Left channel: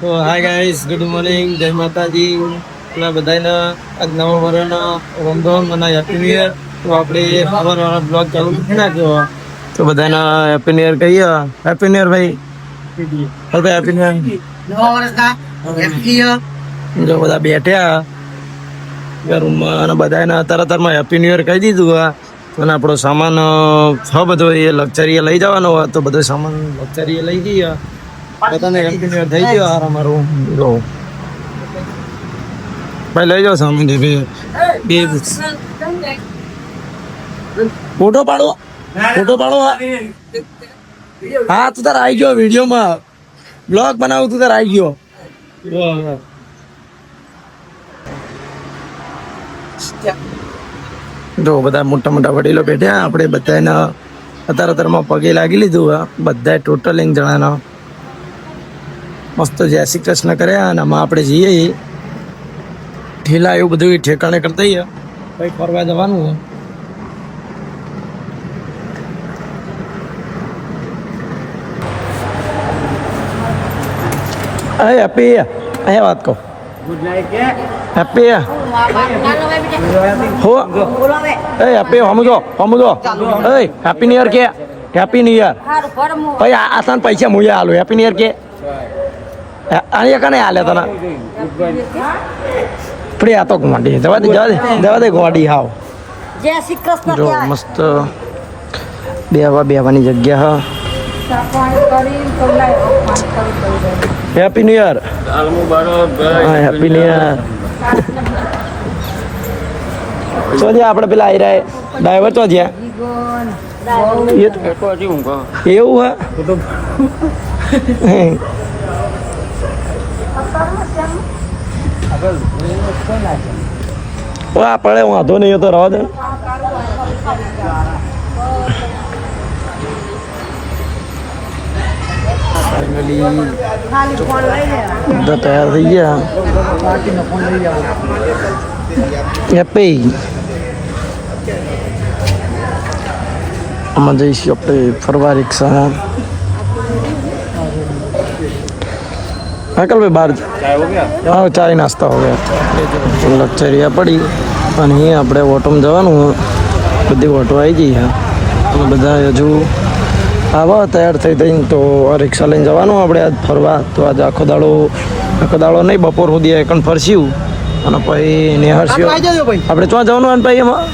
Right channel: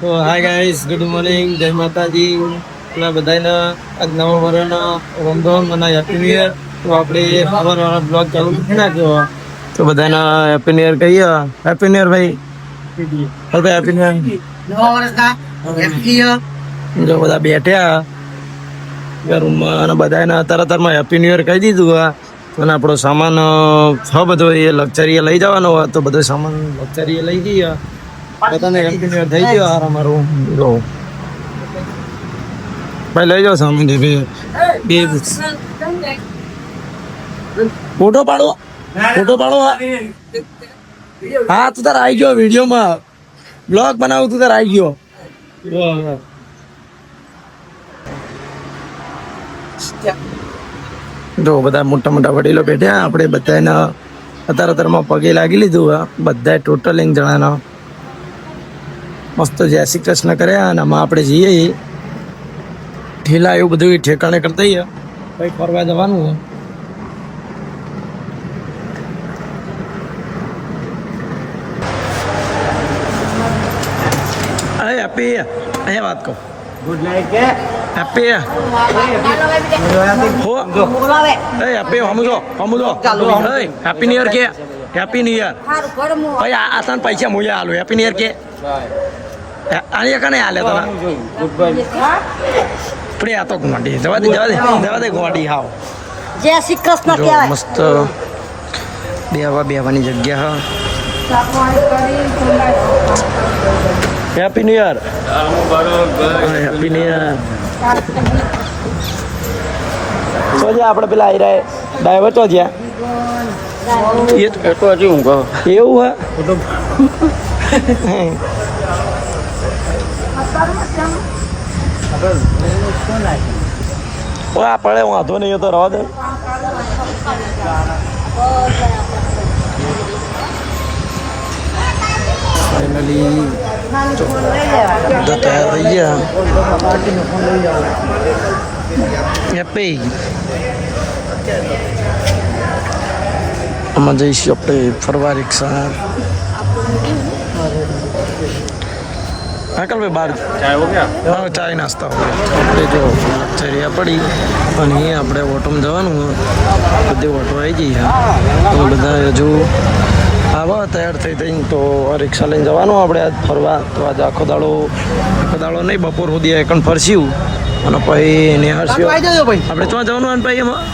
તો hi guys, good morning, જય માતાજી. આપણા બધાને આજ નવા વર્ષના રમઝાન અને હેપી ન્યુ યર. તો આપણે સવારવાળા બ્લોગ ચાલુ કરી નાખ્યો. તો બધાને હેપી ન્યુ યર કહીએ. હેપી ન્યુ યર ભાઈ. હવે હેપી ન્યુ યર. નવા વર્ષના હેપી ન્યુ યર. જો બધા બેઠ્યા રૂમમાં અને બધાને તરતરમાં હેપી ન્યુ યર કહી દીધું. અને આપણો સામાન બધો એ લક્ઝરીએ લઈ જવાનો હોય તો બધો સામાન લક્ઝરીએ લઈ જઈએ. બધાને હેપી ન્યુ યર થઈ ગયો. અમારું જો ભાઈ લઈ જાઓ સામાન. બે ફોટો પાડો. હા તું તાર આવી ગયો વિડીયોમાં. બ્લોગ બનાવું તું તાર આવી ગયો. જો બધા મોટા મોટા વડીલો બેઠ્યા. આપણે બધાને અત્યારમાં પગે લાગી લીધું. બધા ટોટલ 1 જણાના મસ્ત જય શ્રી કૃષ્ણ કર્યા. અને આમાં આપણે જઈએ ઠેલા એવું બધું ઠેકાણે કરતા જઈએ. કંઈક ફરવા જવાનું હોય. હેપી અહીંયા વાત કહો. ગુડ નાઈટ કે હેપી હેપી સમજો હેપી ન્યુ યર કે હેપી ન્યુ યર. ભાઈ આસાન પૈસા મુયા હાલો. હેપી ન્યુ યર કે અહીંયા કને હાલે તને પ્રિય આ તો ઘોડી જવા દે ઘોડી. હાવ જય શ્રી કૃષ્ણ. જો મસ્ત બેવાની જગ્યા. Happy new year. Happy new year. આપણે પેલા આવી રહ્યા ડ્રાઈવર તો છે એવું હા પડે વાંધો નહીં તો રવા દે. ફાઇનલી બધા તૈયાર થઈ ગયા. આમાં જઈશું આપણે ફરવા રિક્ષામાં. અંકલ ભાઈ બહાર હા ચાય નાસ્તા હો ગયા. આપણે જો લક્ઝરિયા પડી અને અહીંયા આપણે ઓટોમાં જવાનું. બધી ઓટો આવી ગઈ. અમે બધા હજુ આવા તૈયાર થઈ થઈને તો રિક્ષા લઈને જવાનું આપણે આજ ફરવા. તો આજે આખો દાડો નહીં, બપોર સુધી એકણ ફરસ્યું અને પછી નિહાળશું. આપણે ક્યાં જવાનું અને ભાઈ એમાં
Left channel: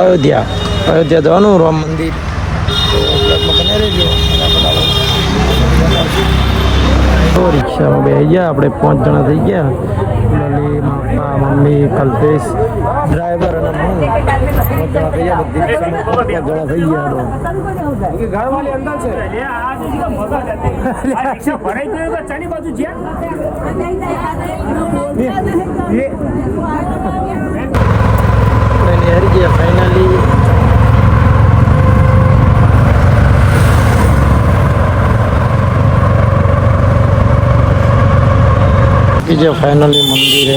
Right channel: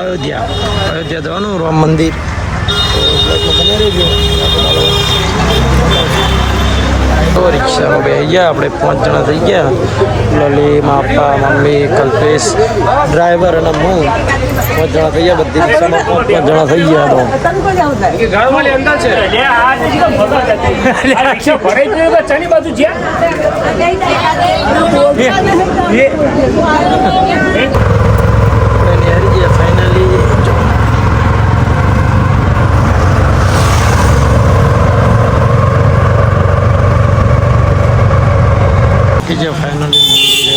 અયોધ્યા જવાનું રામ મંદિર. તો બ્લોગમાં બન્યા રહેજો. તો રિક્ષામાં બેસી ગયા. આપણે 5 જણા થઈ ગયા. લલી, માપા, મમ્મી, કલ્પેશ, ડ્રાઈવર અને હું 5 જણા થઈ ગયા. બધી રિક્ષામાં 5 જણા થઈ ગયા. આપણે નિહારી ગયા ફાઇનલી. જે ફાઇનલી મંદિરે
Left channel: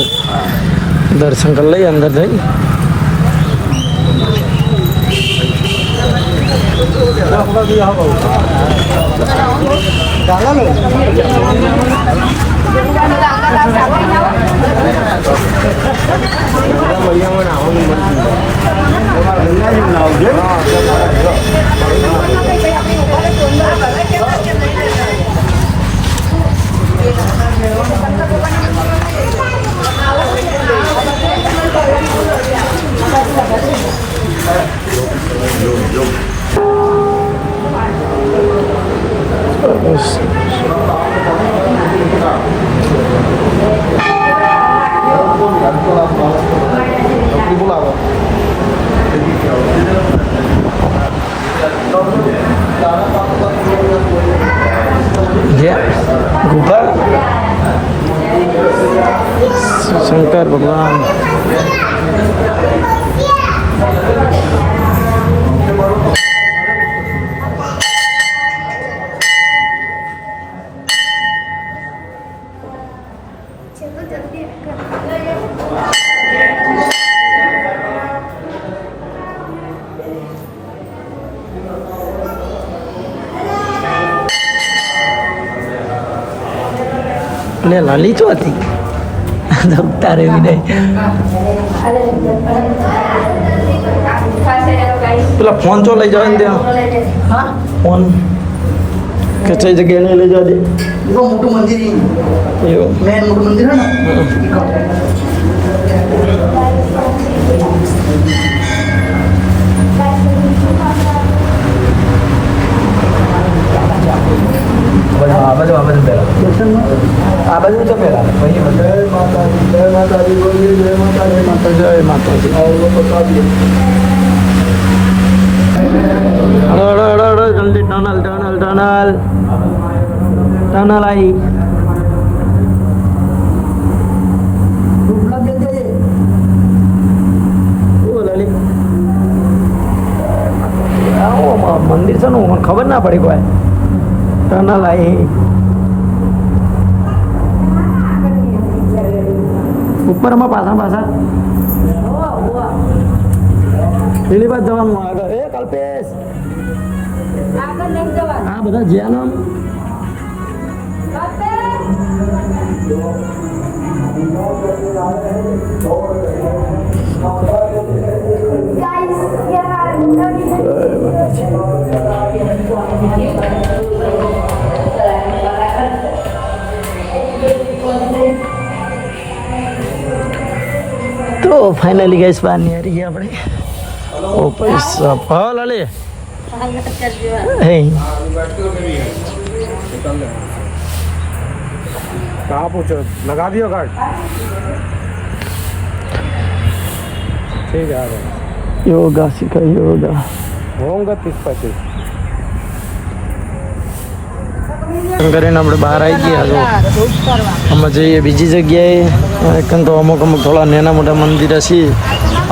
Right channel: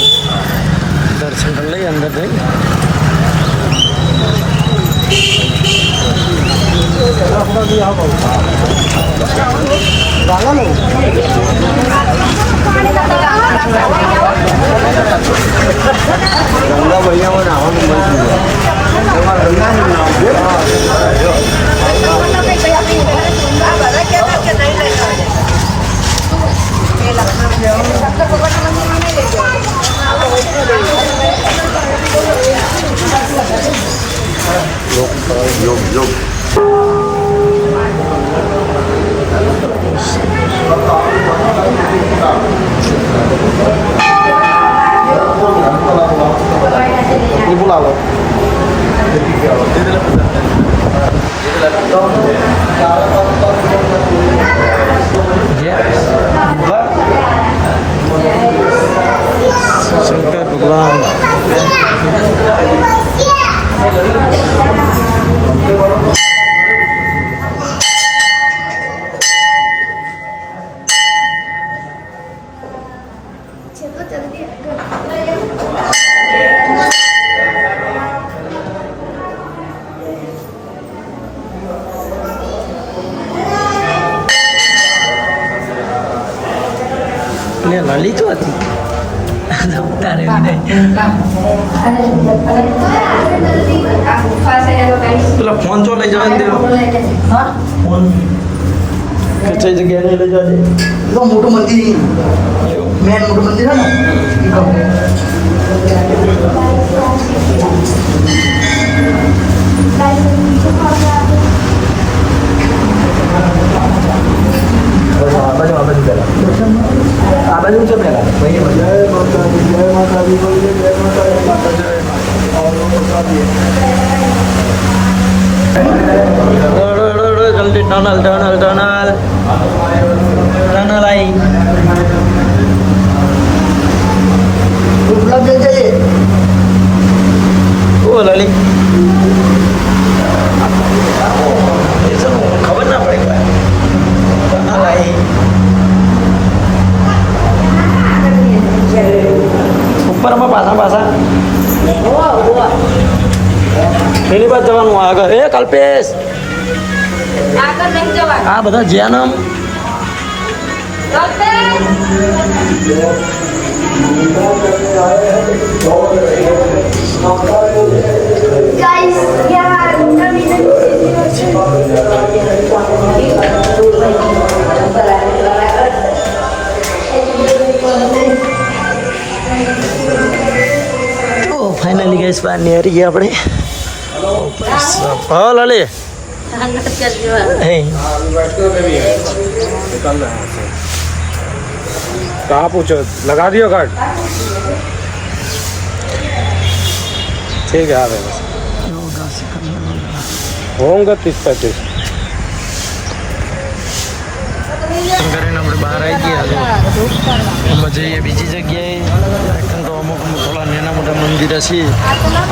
દર્શન કરી લઈએ અંદર જઈ. શંકર ભગવાન અને લાલી તો હતી તારે પેલા ફોન ચો લઈ જવા ત્યાં ફોન કઈ જગ્યાએ લઈ જવા દે મોટું મંદિર મેન મોટું મંદિર હે ને જલ્દી ટનલ ટનલ ટનલ ટનલ આવી લલી ખબર ના પડી કોઈ ટનલ આવી ઉપરમાં પાછા પેલી બાદ જવાનું આગળ એ કલ્પેશ આ બધા જ્યાં તો ફાઇનલી ગેસ બહાર નીકળી ગયા આપણે ओ पैसा भाव ला ले कहाँ पूछो लगा दियो कार्ड ठीक है आ रहे योगा सिखा योगा होंगे 30-35 કરીને આપણે બહાર આવી ગયા તો અમે જઈએ બીજી જગ્યાએ કેમ તો અમુક થોડા નાના મોટા મંદિર છે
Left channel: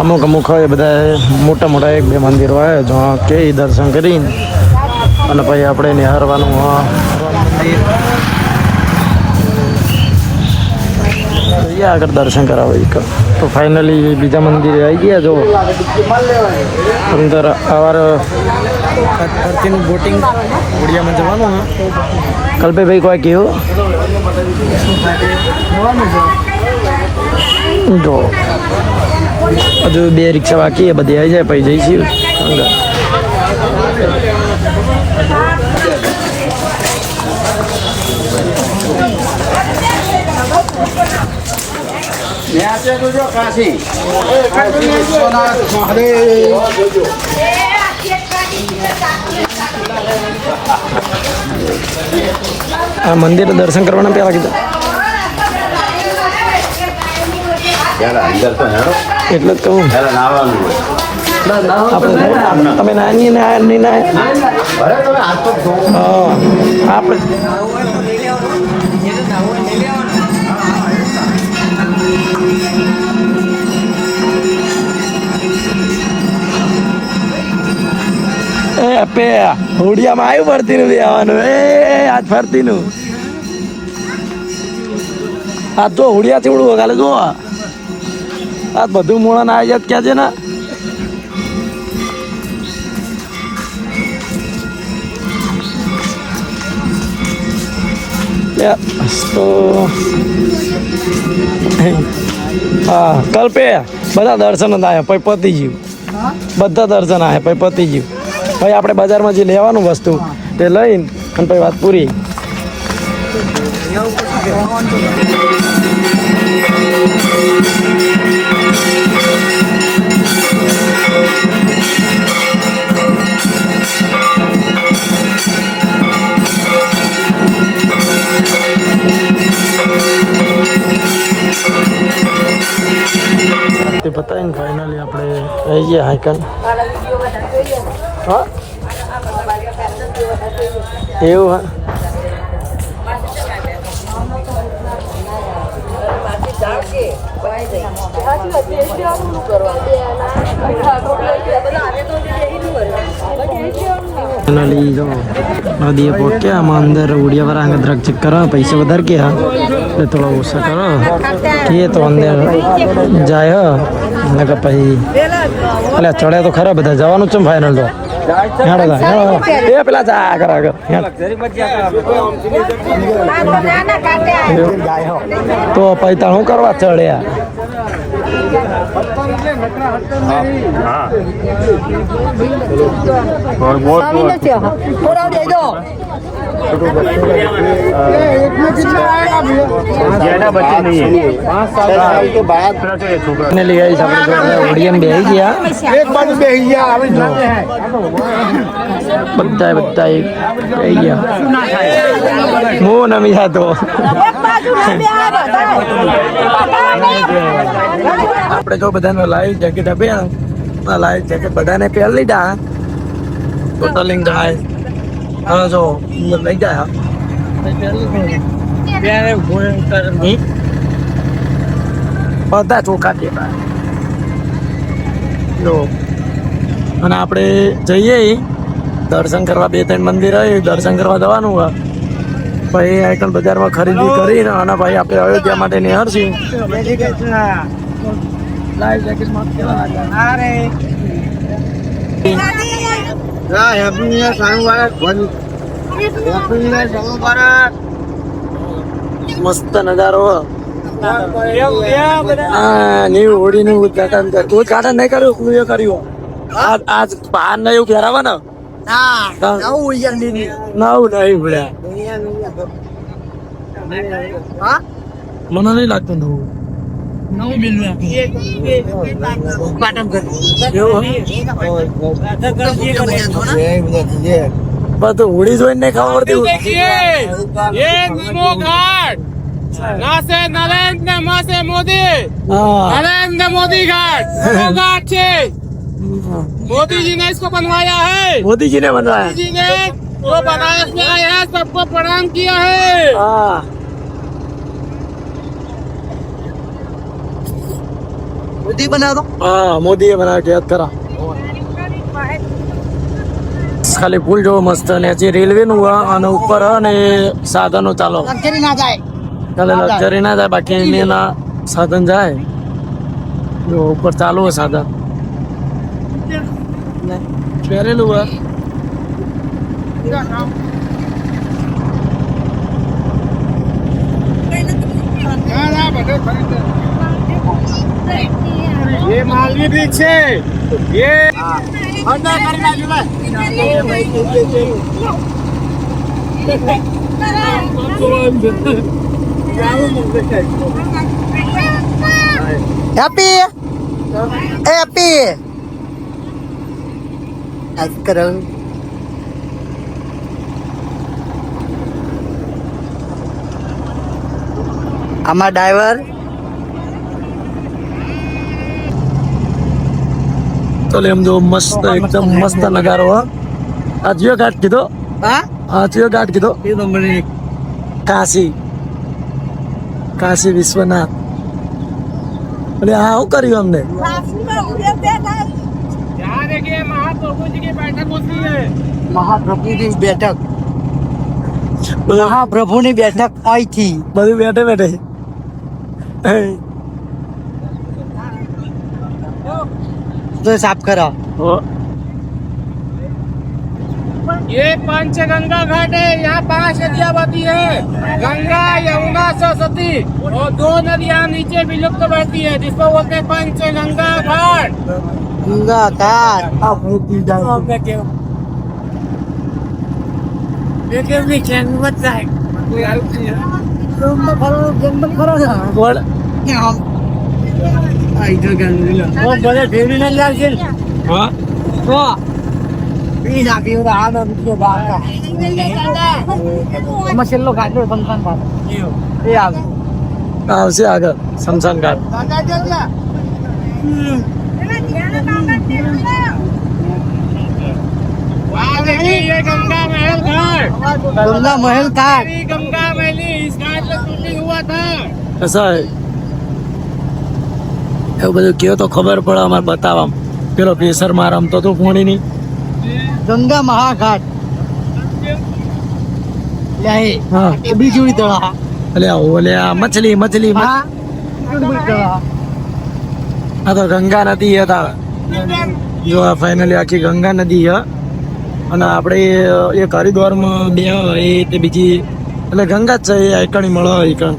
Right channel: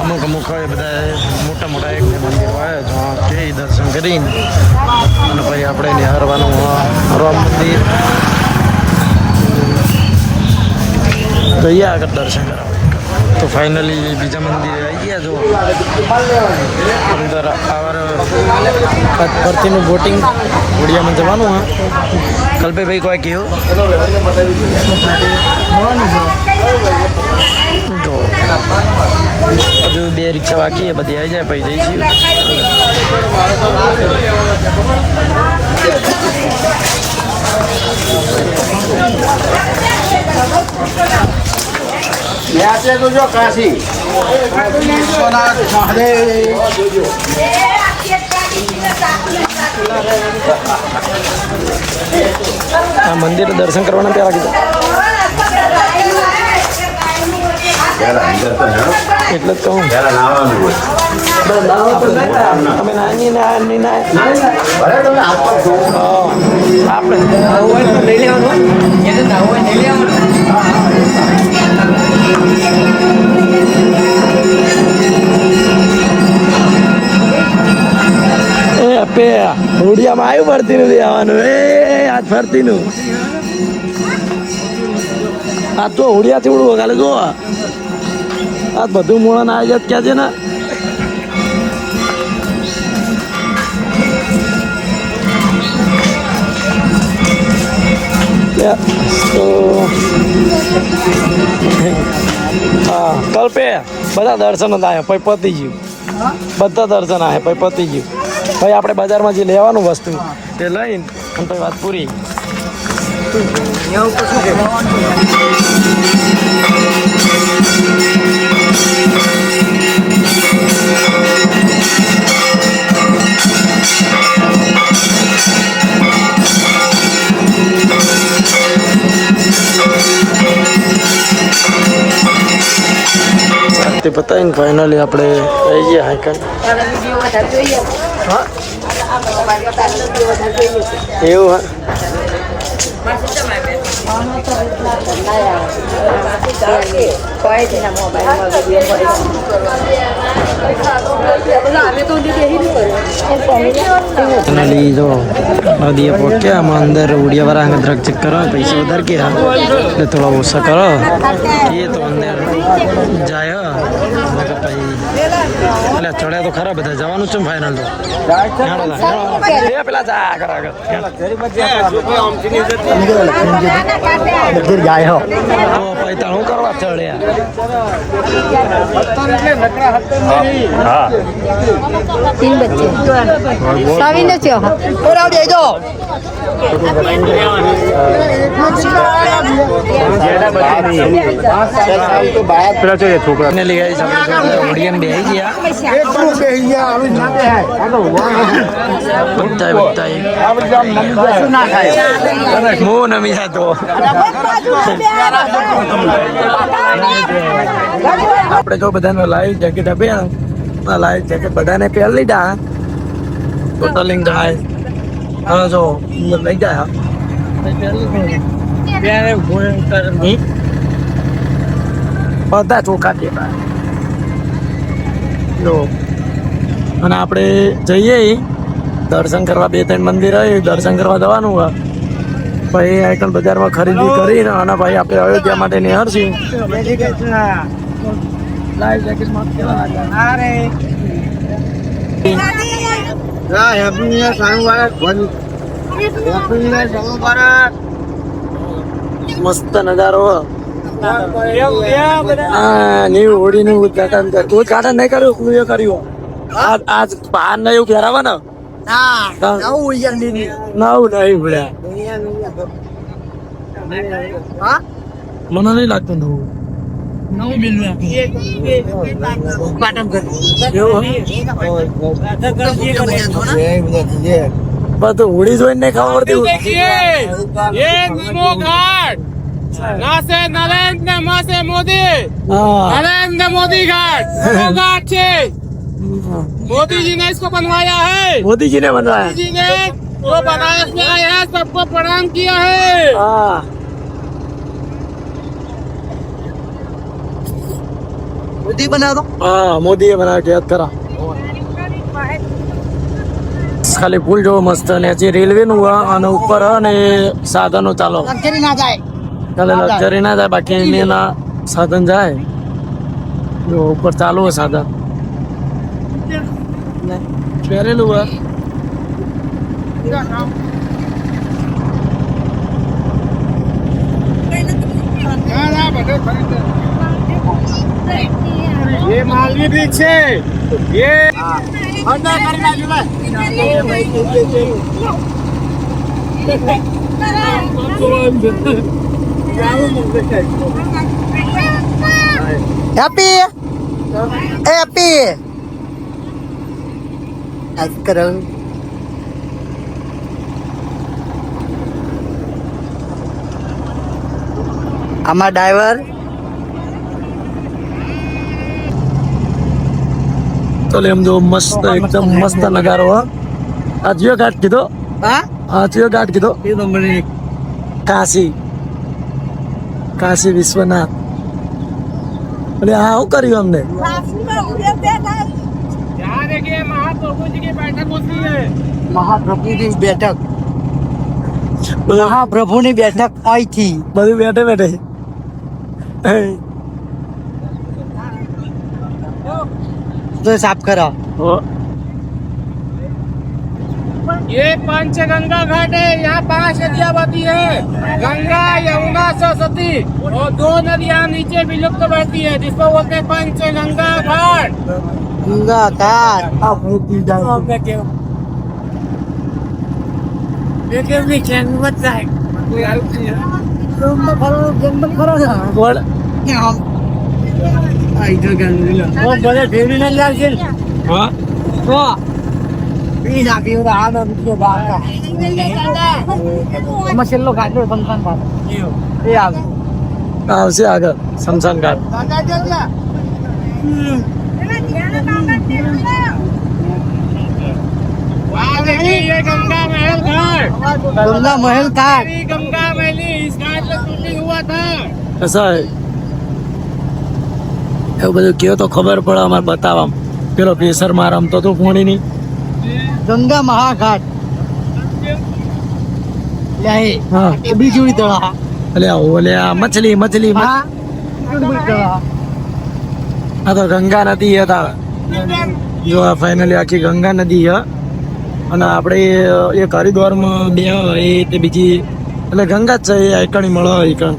અમુક હોય બધા મોટા એક બે મંદિરો હોય તો તે દર્શન કરીને અને પછી આપણે નિહારવાનું રામ મંદિર જઈએ આગળ દર્શન કરાવે તો ફાઇનલી બીજા મંદિરે આવી ગયા જો અંદર સવારે ફરતીનું બોટિંગ ઓડિયામાં જવાનું હા કલ્પેભાઈ કોઈ કહ્યું જો હજુ 2 રિક્ષા બાકી બધી આવી જાય પછી જઈ છીએ મંદિર દર્શન કરવાના ક્યાં એટલે તું હોડિયામાં આવ્યું ફરતીનું આવવાનું એ આજ ફરતીનું આજ જો હોડિયાથી ઉડવું કાલે જો આ બધું મોડા આવી જાય ક્યાં છે ને કલ્પે બધા દર્શન જ આવ્યા પછી પતી ગયું બધા દર્શન આવ્યા પછી પતી ગયું ભાઈ આપણે બજારમાં જે લેવાનું વસ્તુ તે લઈને અને તો વાત પૂરી તે પતાવીને ફાઇનલી આપણે આવી ગયા હાઈકન હા એવું હા ફાઇનલી જો નદીએ પહોંચ્યા આમાં અંદર ઉડિયા વાળા આગળ દ્રગ ચેક કરો પૈસા વધારે ગયા એટલે થોડા ઓછા કરો એ તો અંદર જાય એટલે કે પછી એટલે ચડે તો ખરા બધા જવાનું છે ને ફાઇનલ તો એ પેલા જા આગળ આગળ તો પૈસા શું કરવા ચડ્યા ઓડિયમ બેસી ગયા બધા હું નમી સાથે આપણે જો બધાને લાઈવ જેકેટ આપ્યા લાઈવ જેકેટ બધાને પહેરી લીધા ટોટલિંગ થાય હા જો લઈ જાય બધા ચોખા દેખાય જો અને આપણે જઈએ દર્શન કરવા 2-3 મંદિર હોય દર્શન કરવા જવાનું હોય ભાઈ આઈકન બજારમાં ખરીદી કરીને અને ભાઈ આપણે અયોધ્યા માટે નિહાળશું લાઈવ જેકેટ મસ્ત નજારો new હોડીનું ઉદઘાટન ઉદઘાટન નહીં કર્યું પૂરું કર્યું આજ પાન ને એવું પહેરાવા ને નવું નહીં ભળ્યા મને નહીં લાગતું નવું બધું હોડી જોઈને નહીં ખબર नरेंद्र मोदी घाट घाट છે मोदी जी ने इसको बनवाया है मोदी जी ने बनवाया मोदी जी ने वो बनाया है सबको प्रणाम किया है हाँ મોદી બનાવ દો हाँ मोदी बना के याद करा ખાલી પુલ જો મસ્ત ને જે રેલવે નું અને ઉપર અને સાધનો ચાલો લક્ઝરી ના જાય ચાલે લક્ઝરી ના જાય બાકી એના સાધન જાય જો ઉપર ચાલુ હોય સાધન પહેરેલું હોય ये मालवी ब्रिज છે ये અંદર કરી નાખ્યું હેપી હેપી આજ કરો આમાં ડ્રાઈવર તો એમ જો મસ્ત એકદમ મસ્ત નગારો આ જીઓ ઘાટ કીધો હા આ જીઓ ઘાટ કીધો એ નંબર કાશી કાશી વિશ્વનાથ એટલે આ શું કર્યું અમને यहाँ देखिए महाप्रभु जी की बैठक होती है મહાપ્રભુની બેઠક બધું મહાપ્રભુની બેઠક અહીંથી બધું બેઠે બેઠે તો સાફ કરો ये पंचगंगा घाट है यहाँ 5 नदियाँ बहती है गंगा यमुना सरस्वती और 2 नदियाँ नीचे विलुप्त बहती है जिसको बोलते हैं पंचगंगा घाट ગંગા ઘાટ છેલ્લો ઘાટો શમશાન ઘાટ એ આવે આવશે આગળ શમશાન ઘાટ ये गंगा महल घाट ગંગા મહેલ ઘાટ गंगा महली इस घाट पे शूटिंग हुआ था કસા એવું બધું કયો તો ખબર પડે અમારે બતાવવા પેલો પેસરમાં રમતો તો પોણીની ગંગા મહાઘાટ લે હા એ બીજુડી તળા ઓલે આ મછલી મછલી હા બીજુડી તળા આ તો ગંગા નદી હતા જો આ ફાઇનલી આખી ગંગા નદી છે અને આપણે એક હરિદ્વારમાં બે એ તે બીજી એટલે ગંગા જ છે એ આઈકણી મળે આઈકણ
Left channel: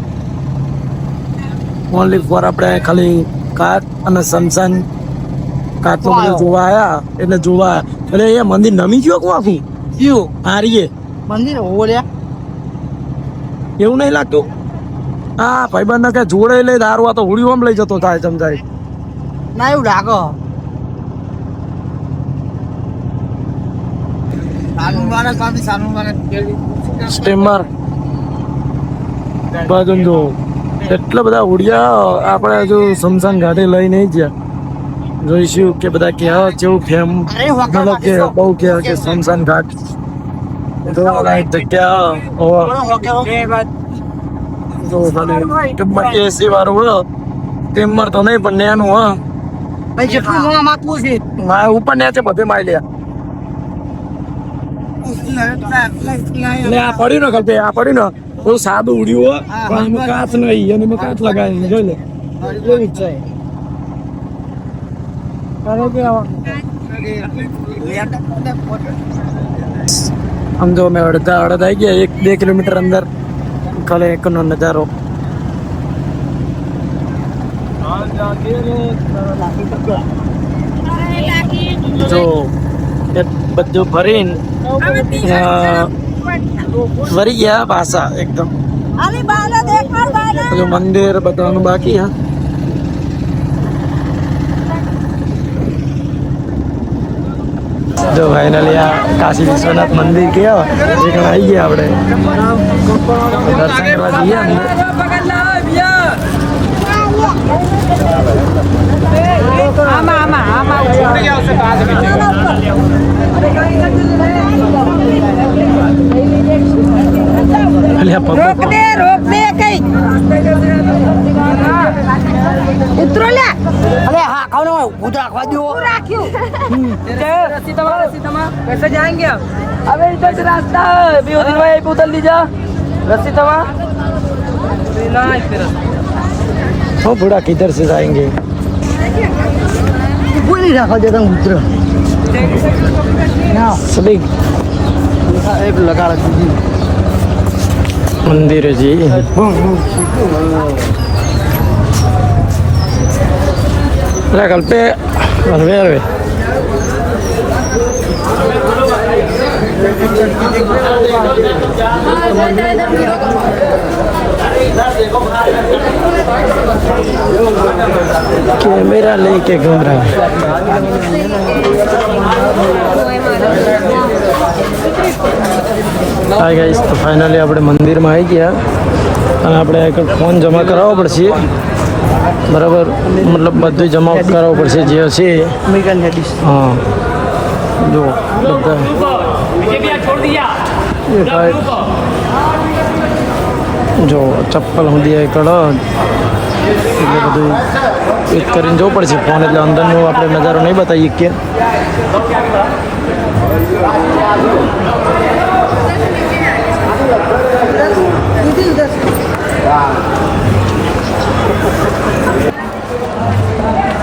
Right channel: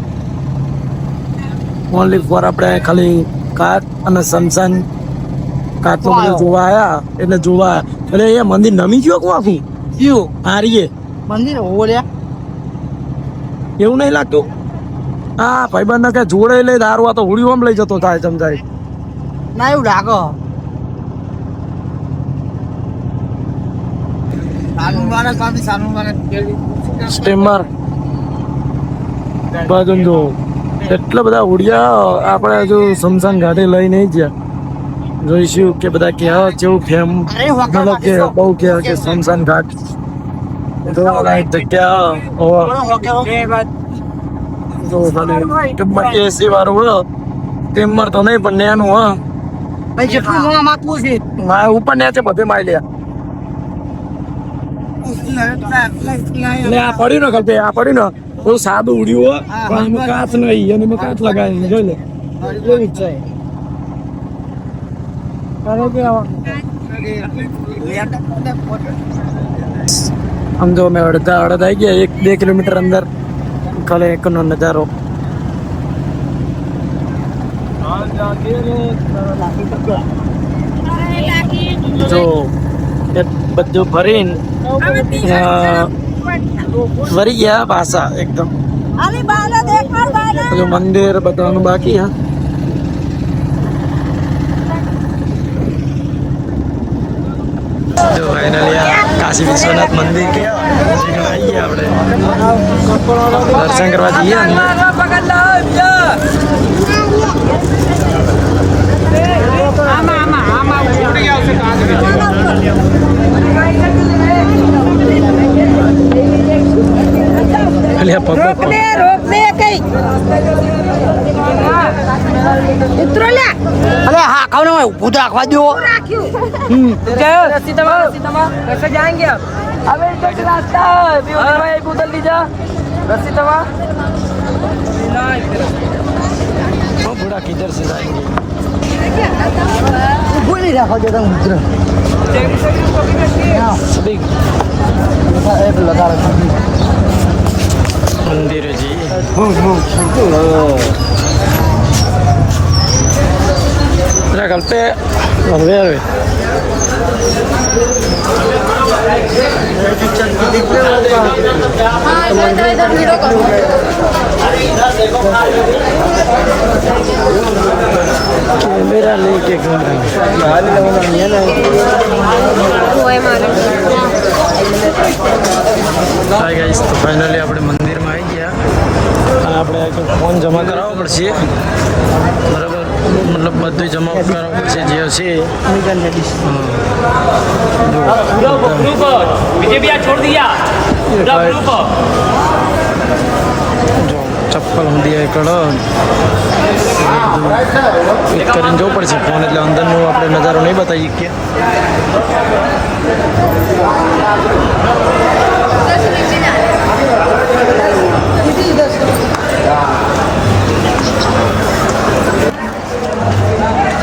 ઓનલી ફોર આપણે ખાલી કાચ અને સમસાન કાચનું બધું જોવા આયા એટલે જોવા એટલે એ મંદિર નમી ગયો કોણ આખું કયું હારીએ મંદિર ઓલ્યા એવું નહીં લાગતું હા ભાઈબંધ ને કે જોડે લઈ દારૂ આ તો હોળી ઓમ લઈ જતો થાય સમજાય ના એવું લાગે સ્ટીમર બાજુ જો એટલા બધા ઉડિયા આપણે હજુ સમસાન ઘાટે લઈ નહીં ગયા જોઈશું કે બધા કેવા જેવું ફેમ મતલબ કે બહુ કે સમસાન ઘાટ જોવાલાયક જગ્યા એસી વાળું હોય સ્ટીમર તો નહીં પણ નેનું હા ભાઈ જેટલું મોં માથું છે મારે ઉપર ને છે બધે માઈ લ્યા એટલે આ પડ્યું ને કલ્પે આ પડ્યું ને બહુ સાદું ઉડ્યું હો પણ એમાં કાચ નહીં અને એમાં કાચ લગાવી જોઈ લે એવી જ છે આમ જો મેં અડધા આવી ગયા 1-2 કિલોમીટર અંદર ખાલી એકનો નજારો જો એ બધું ફરીને ફરી ગયા પાછા એકદમ પેલું મંદિર બતાવવાનું બાકી હા જો ફાઇનલી આ કાશી વિશ્વનાથ મંદિર કેવા આવી ગયા આપણે દર્શન કરવા જઈએ અંદર અલ્યા પગ પગ અરે હા ખાવ ને ઊભું તો રાખવા દો कैसे जाएंगे आप अबे इधर से रास्ता है भाई उतर लीजा रस्सी दबा वो बूढ़ा किधर से जाएंगे ઊભું નહીં રાખવા દેતા ઉતર સ્લીપ એક લગાડ દીધી મંદિર जी कल पे कैमरा लेके घर हाय गाइस तो फाइनली આપણે મંદિરમાં આવી ગયા આપણે એક ફોર્મ જમા કરાવવો પડશે બરાબર મતલબ બધું જમા કરાવવું પડશે જે હશે હા જો બધા જો ચપ્પલ સુધી કડો એટલે બધું એક કરીને જવું પડશે ફોન એટલે અંદરનો આપણે નજારો નહીં બતાવીએ કે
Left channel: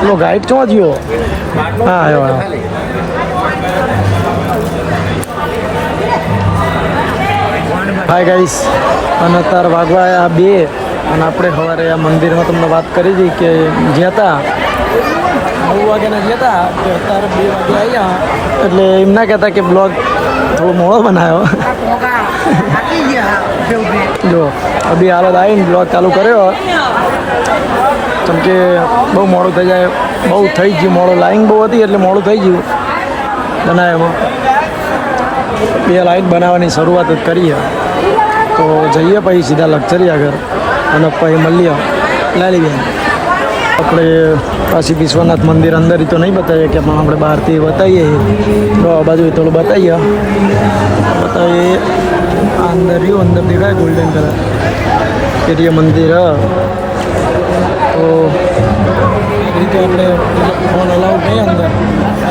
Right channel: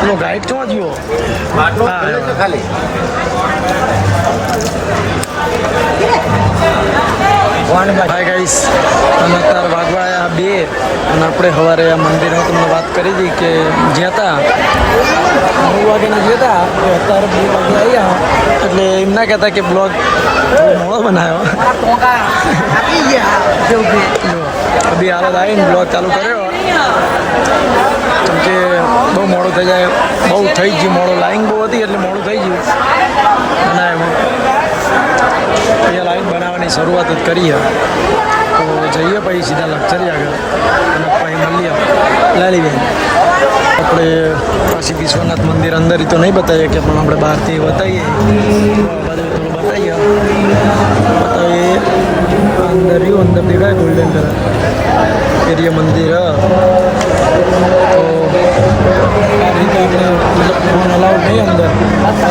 લો ગાઈડ ક્યાં ગયો હા આવ્યો હાય ગાઈસ અને અત્યારે વાગવા આવ્યા 2 અને આપણે સવારે આ મંદિરમાં તમને વાત કરી હતી કે જ્યાં હતા 9 વાગ્યાના ગયા હતા તો અત્યારે 2 વાગે આવ્યા એટલે એમ ના કહેતા કે બ્લોગ થોડો મોડો બનાવ્યો જો અભી હાલત આવીને બ્લોગ ચાલુ કર્યો કેમ કે બહુ મોડું થઈ જાય બહુ થઈ ગયું મોડું લાઈન બહુ હતી એટલે મોડું થઈ ગયું બનાવવામાં એ લાઈન બનાવવાની શરૂઆત જ કરી તો જઈએ પછી સીધા લક્ઝરી આગળ અને પછી મળીએ લાલીબેન આપણે કાશી વિશ્વનાથ મંદિર અંદર તો નહીં બતાવીએ કે પણ આપણે બહારથી બતાવીએ તો આ બાજુ થોડું બતાવીએ અંદર રહ્યું અંદર દેખાય ગોલ્ડન કલર એરિયા મંદિર તો એ તો આપણે મતલબ ફોન અલાઉડ નહીં અંદર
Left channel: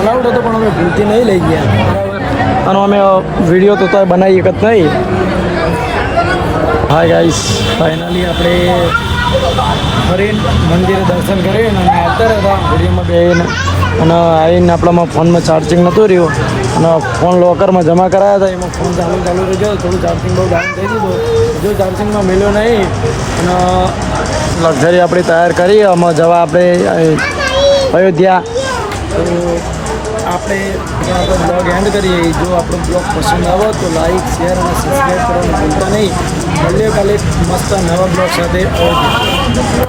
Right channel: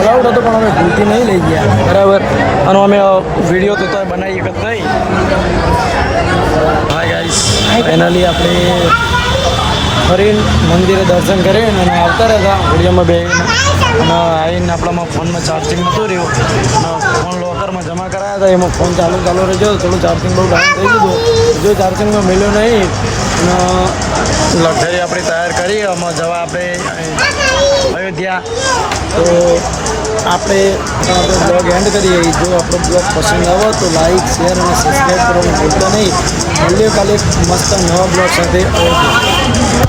અલાઉડ હતો પણ અમે ભૂલથી નહીં લઈ ગયા બરાબર અને અમે વિડીયો તો બનાવી એક જ નહીં. હાય ગાઈસ ફાઇનલી આપણે ફરીને મંદિરે દર્શન કરીને અને આવતા રહ્યા ઘડીઓમાં બેસીને અને આવીને આપણામાં ફોનમાં ચાર્જિંગ નહોતું રહ્યું અને ફોન લોકરમાં જમા કરાયા હતા એમાં ફોન ચાલુ રહી ગયો થોડું ચાર્જિંગ બહુ ડાઉન થઈ ગયું જો ચાર્જિંગમાં મળ્યો નહીં અને લક્ઝરી આપણી તૈયાર કરી આમાં જવા આપણે અયોધ્યા તો આપણે બ્લોગ એન્ડ કરીએ. જો આપણો બ્લોગ પસંદ આવે તો લાઈક શેર અને સબસ્ક્રાઈબ કરવાનું ભૂલતા નહીં. મળીએ કાલે એક મસ્ત નવા બ્લોગ સાથે અયોધ્યા.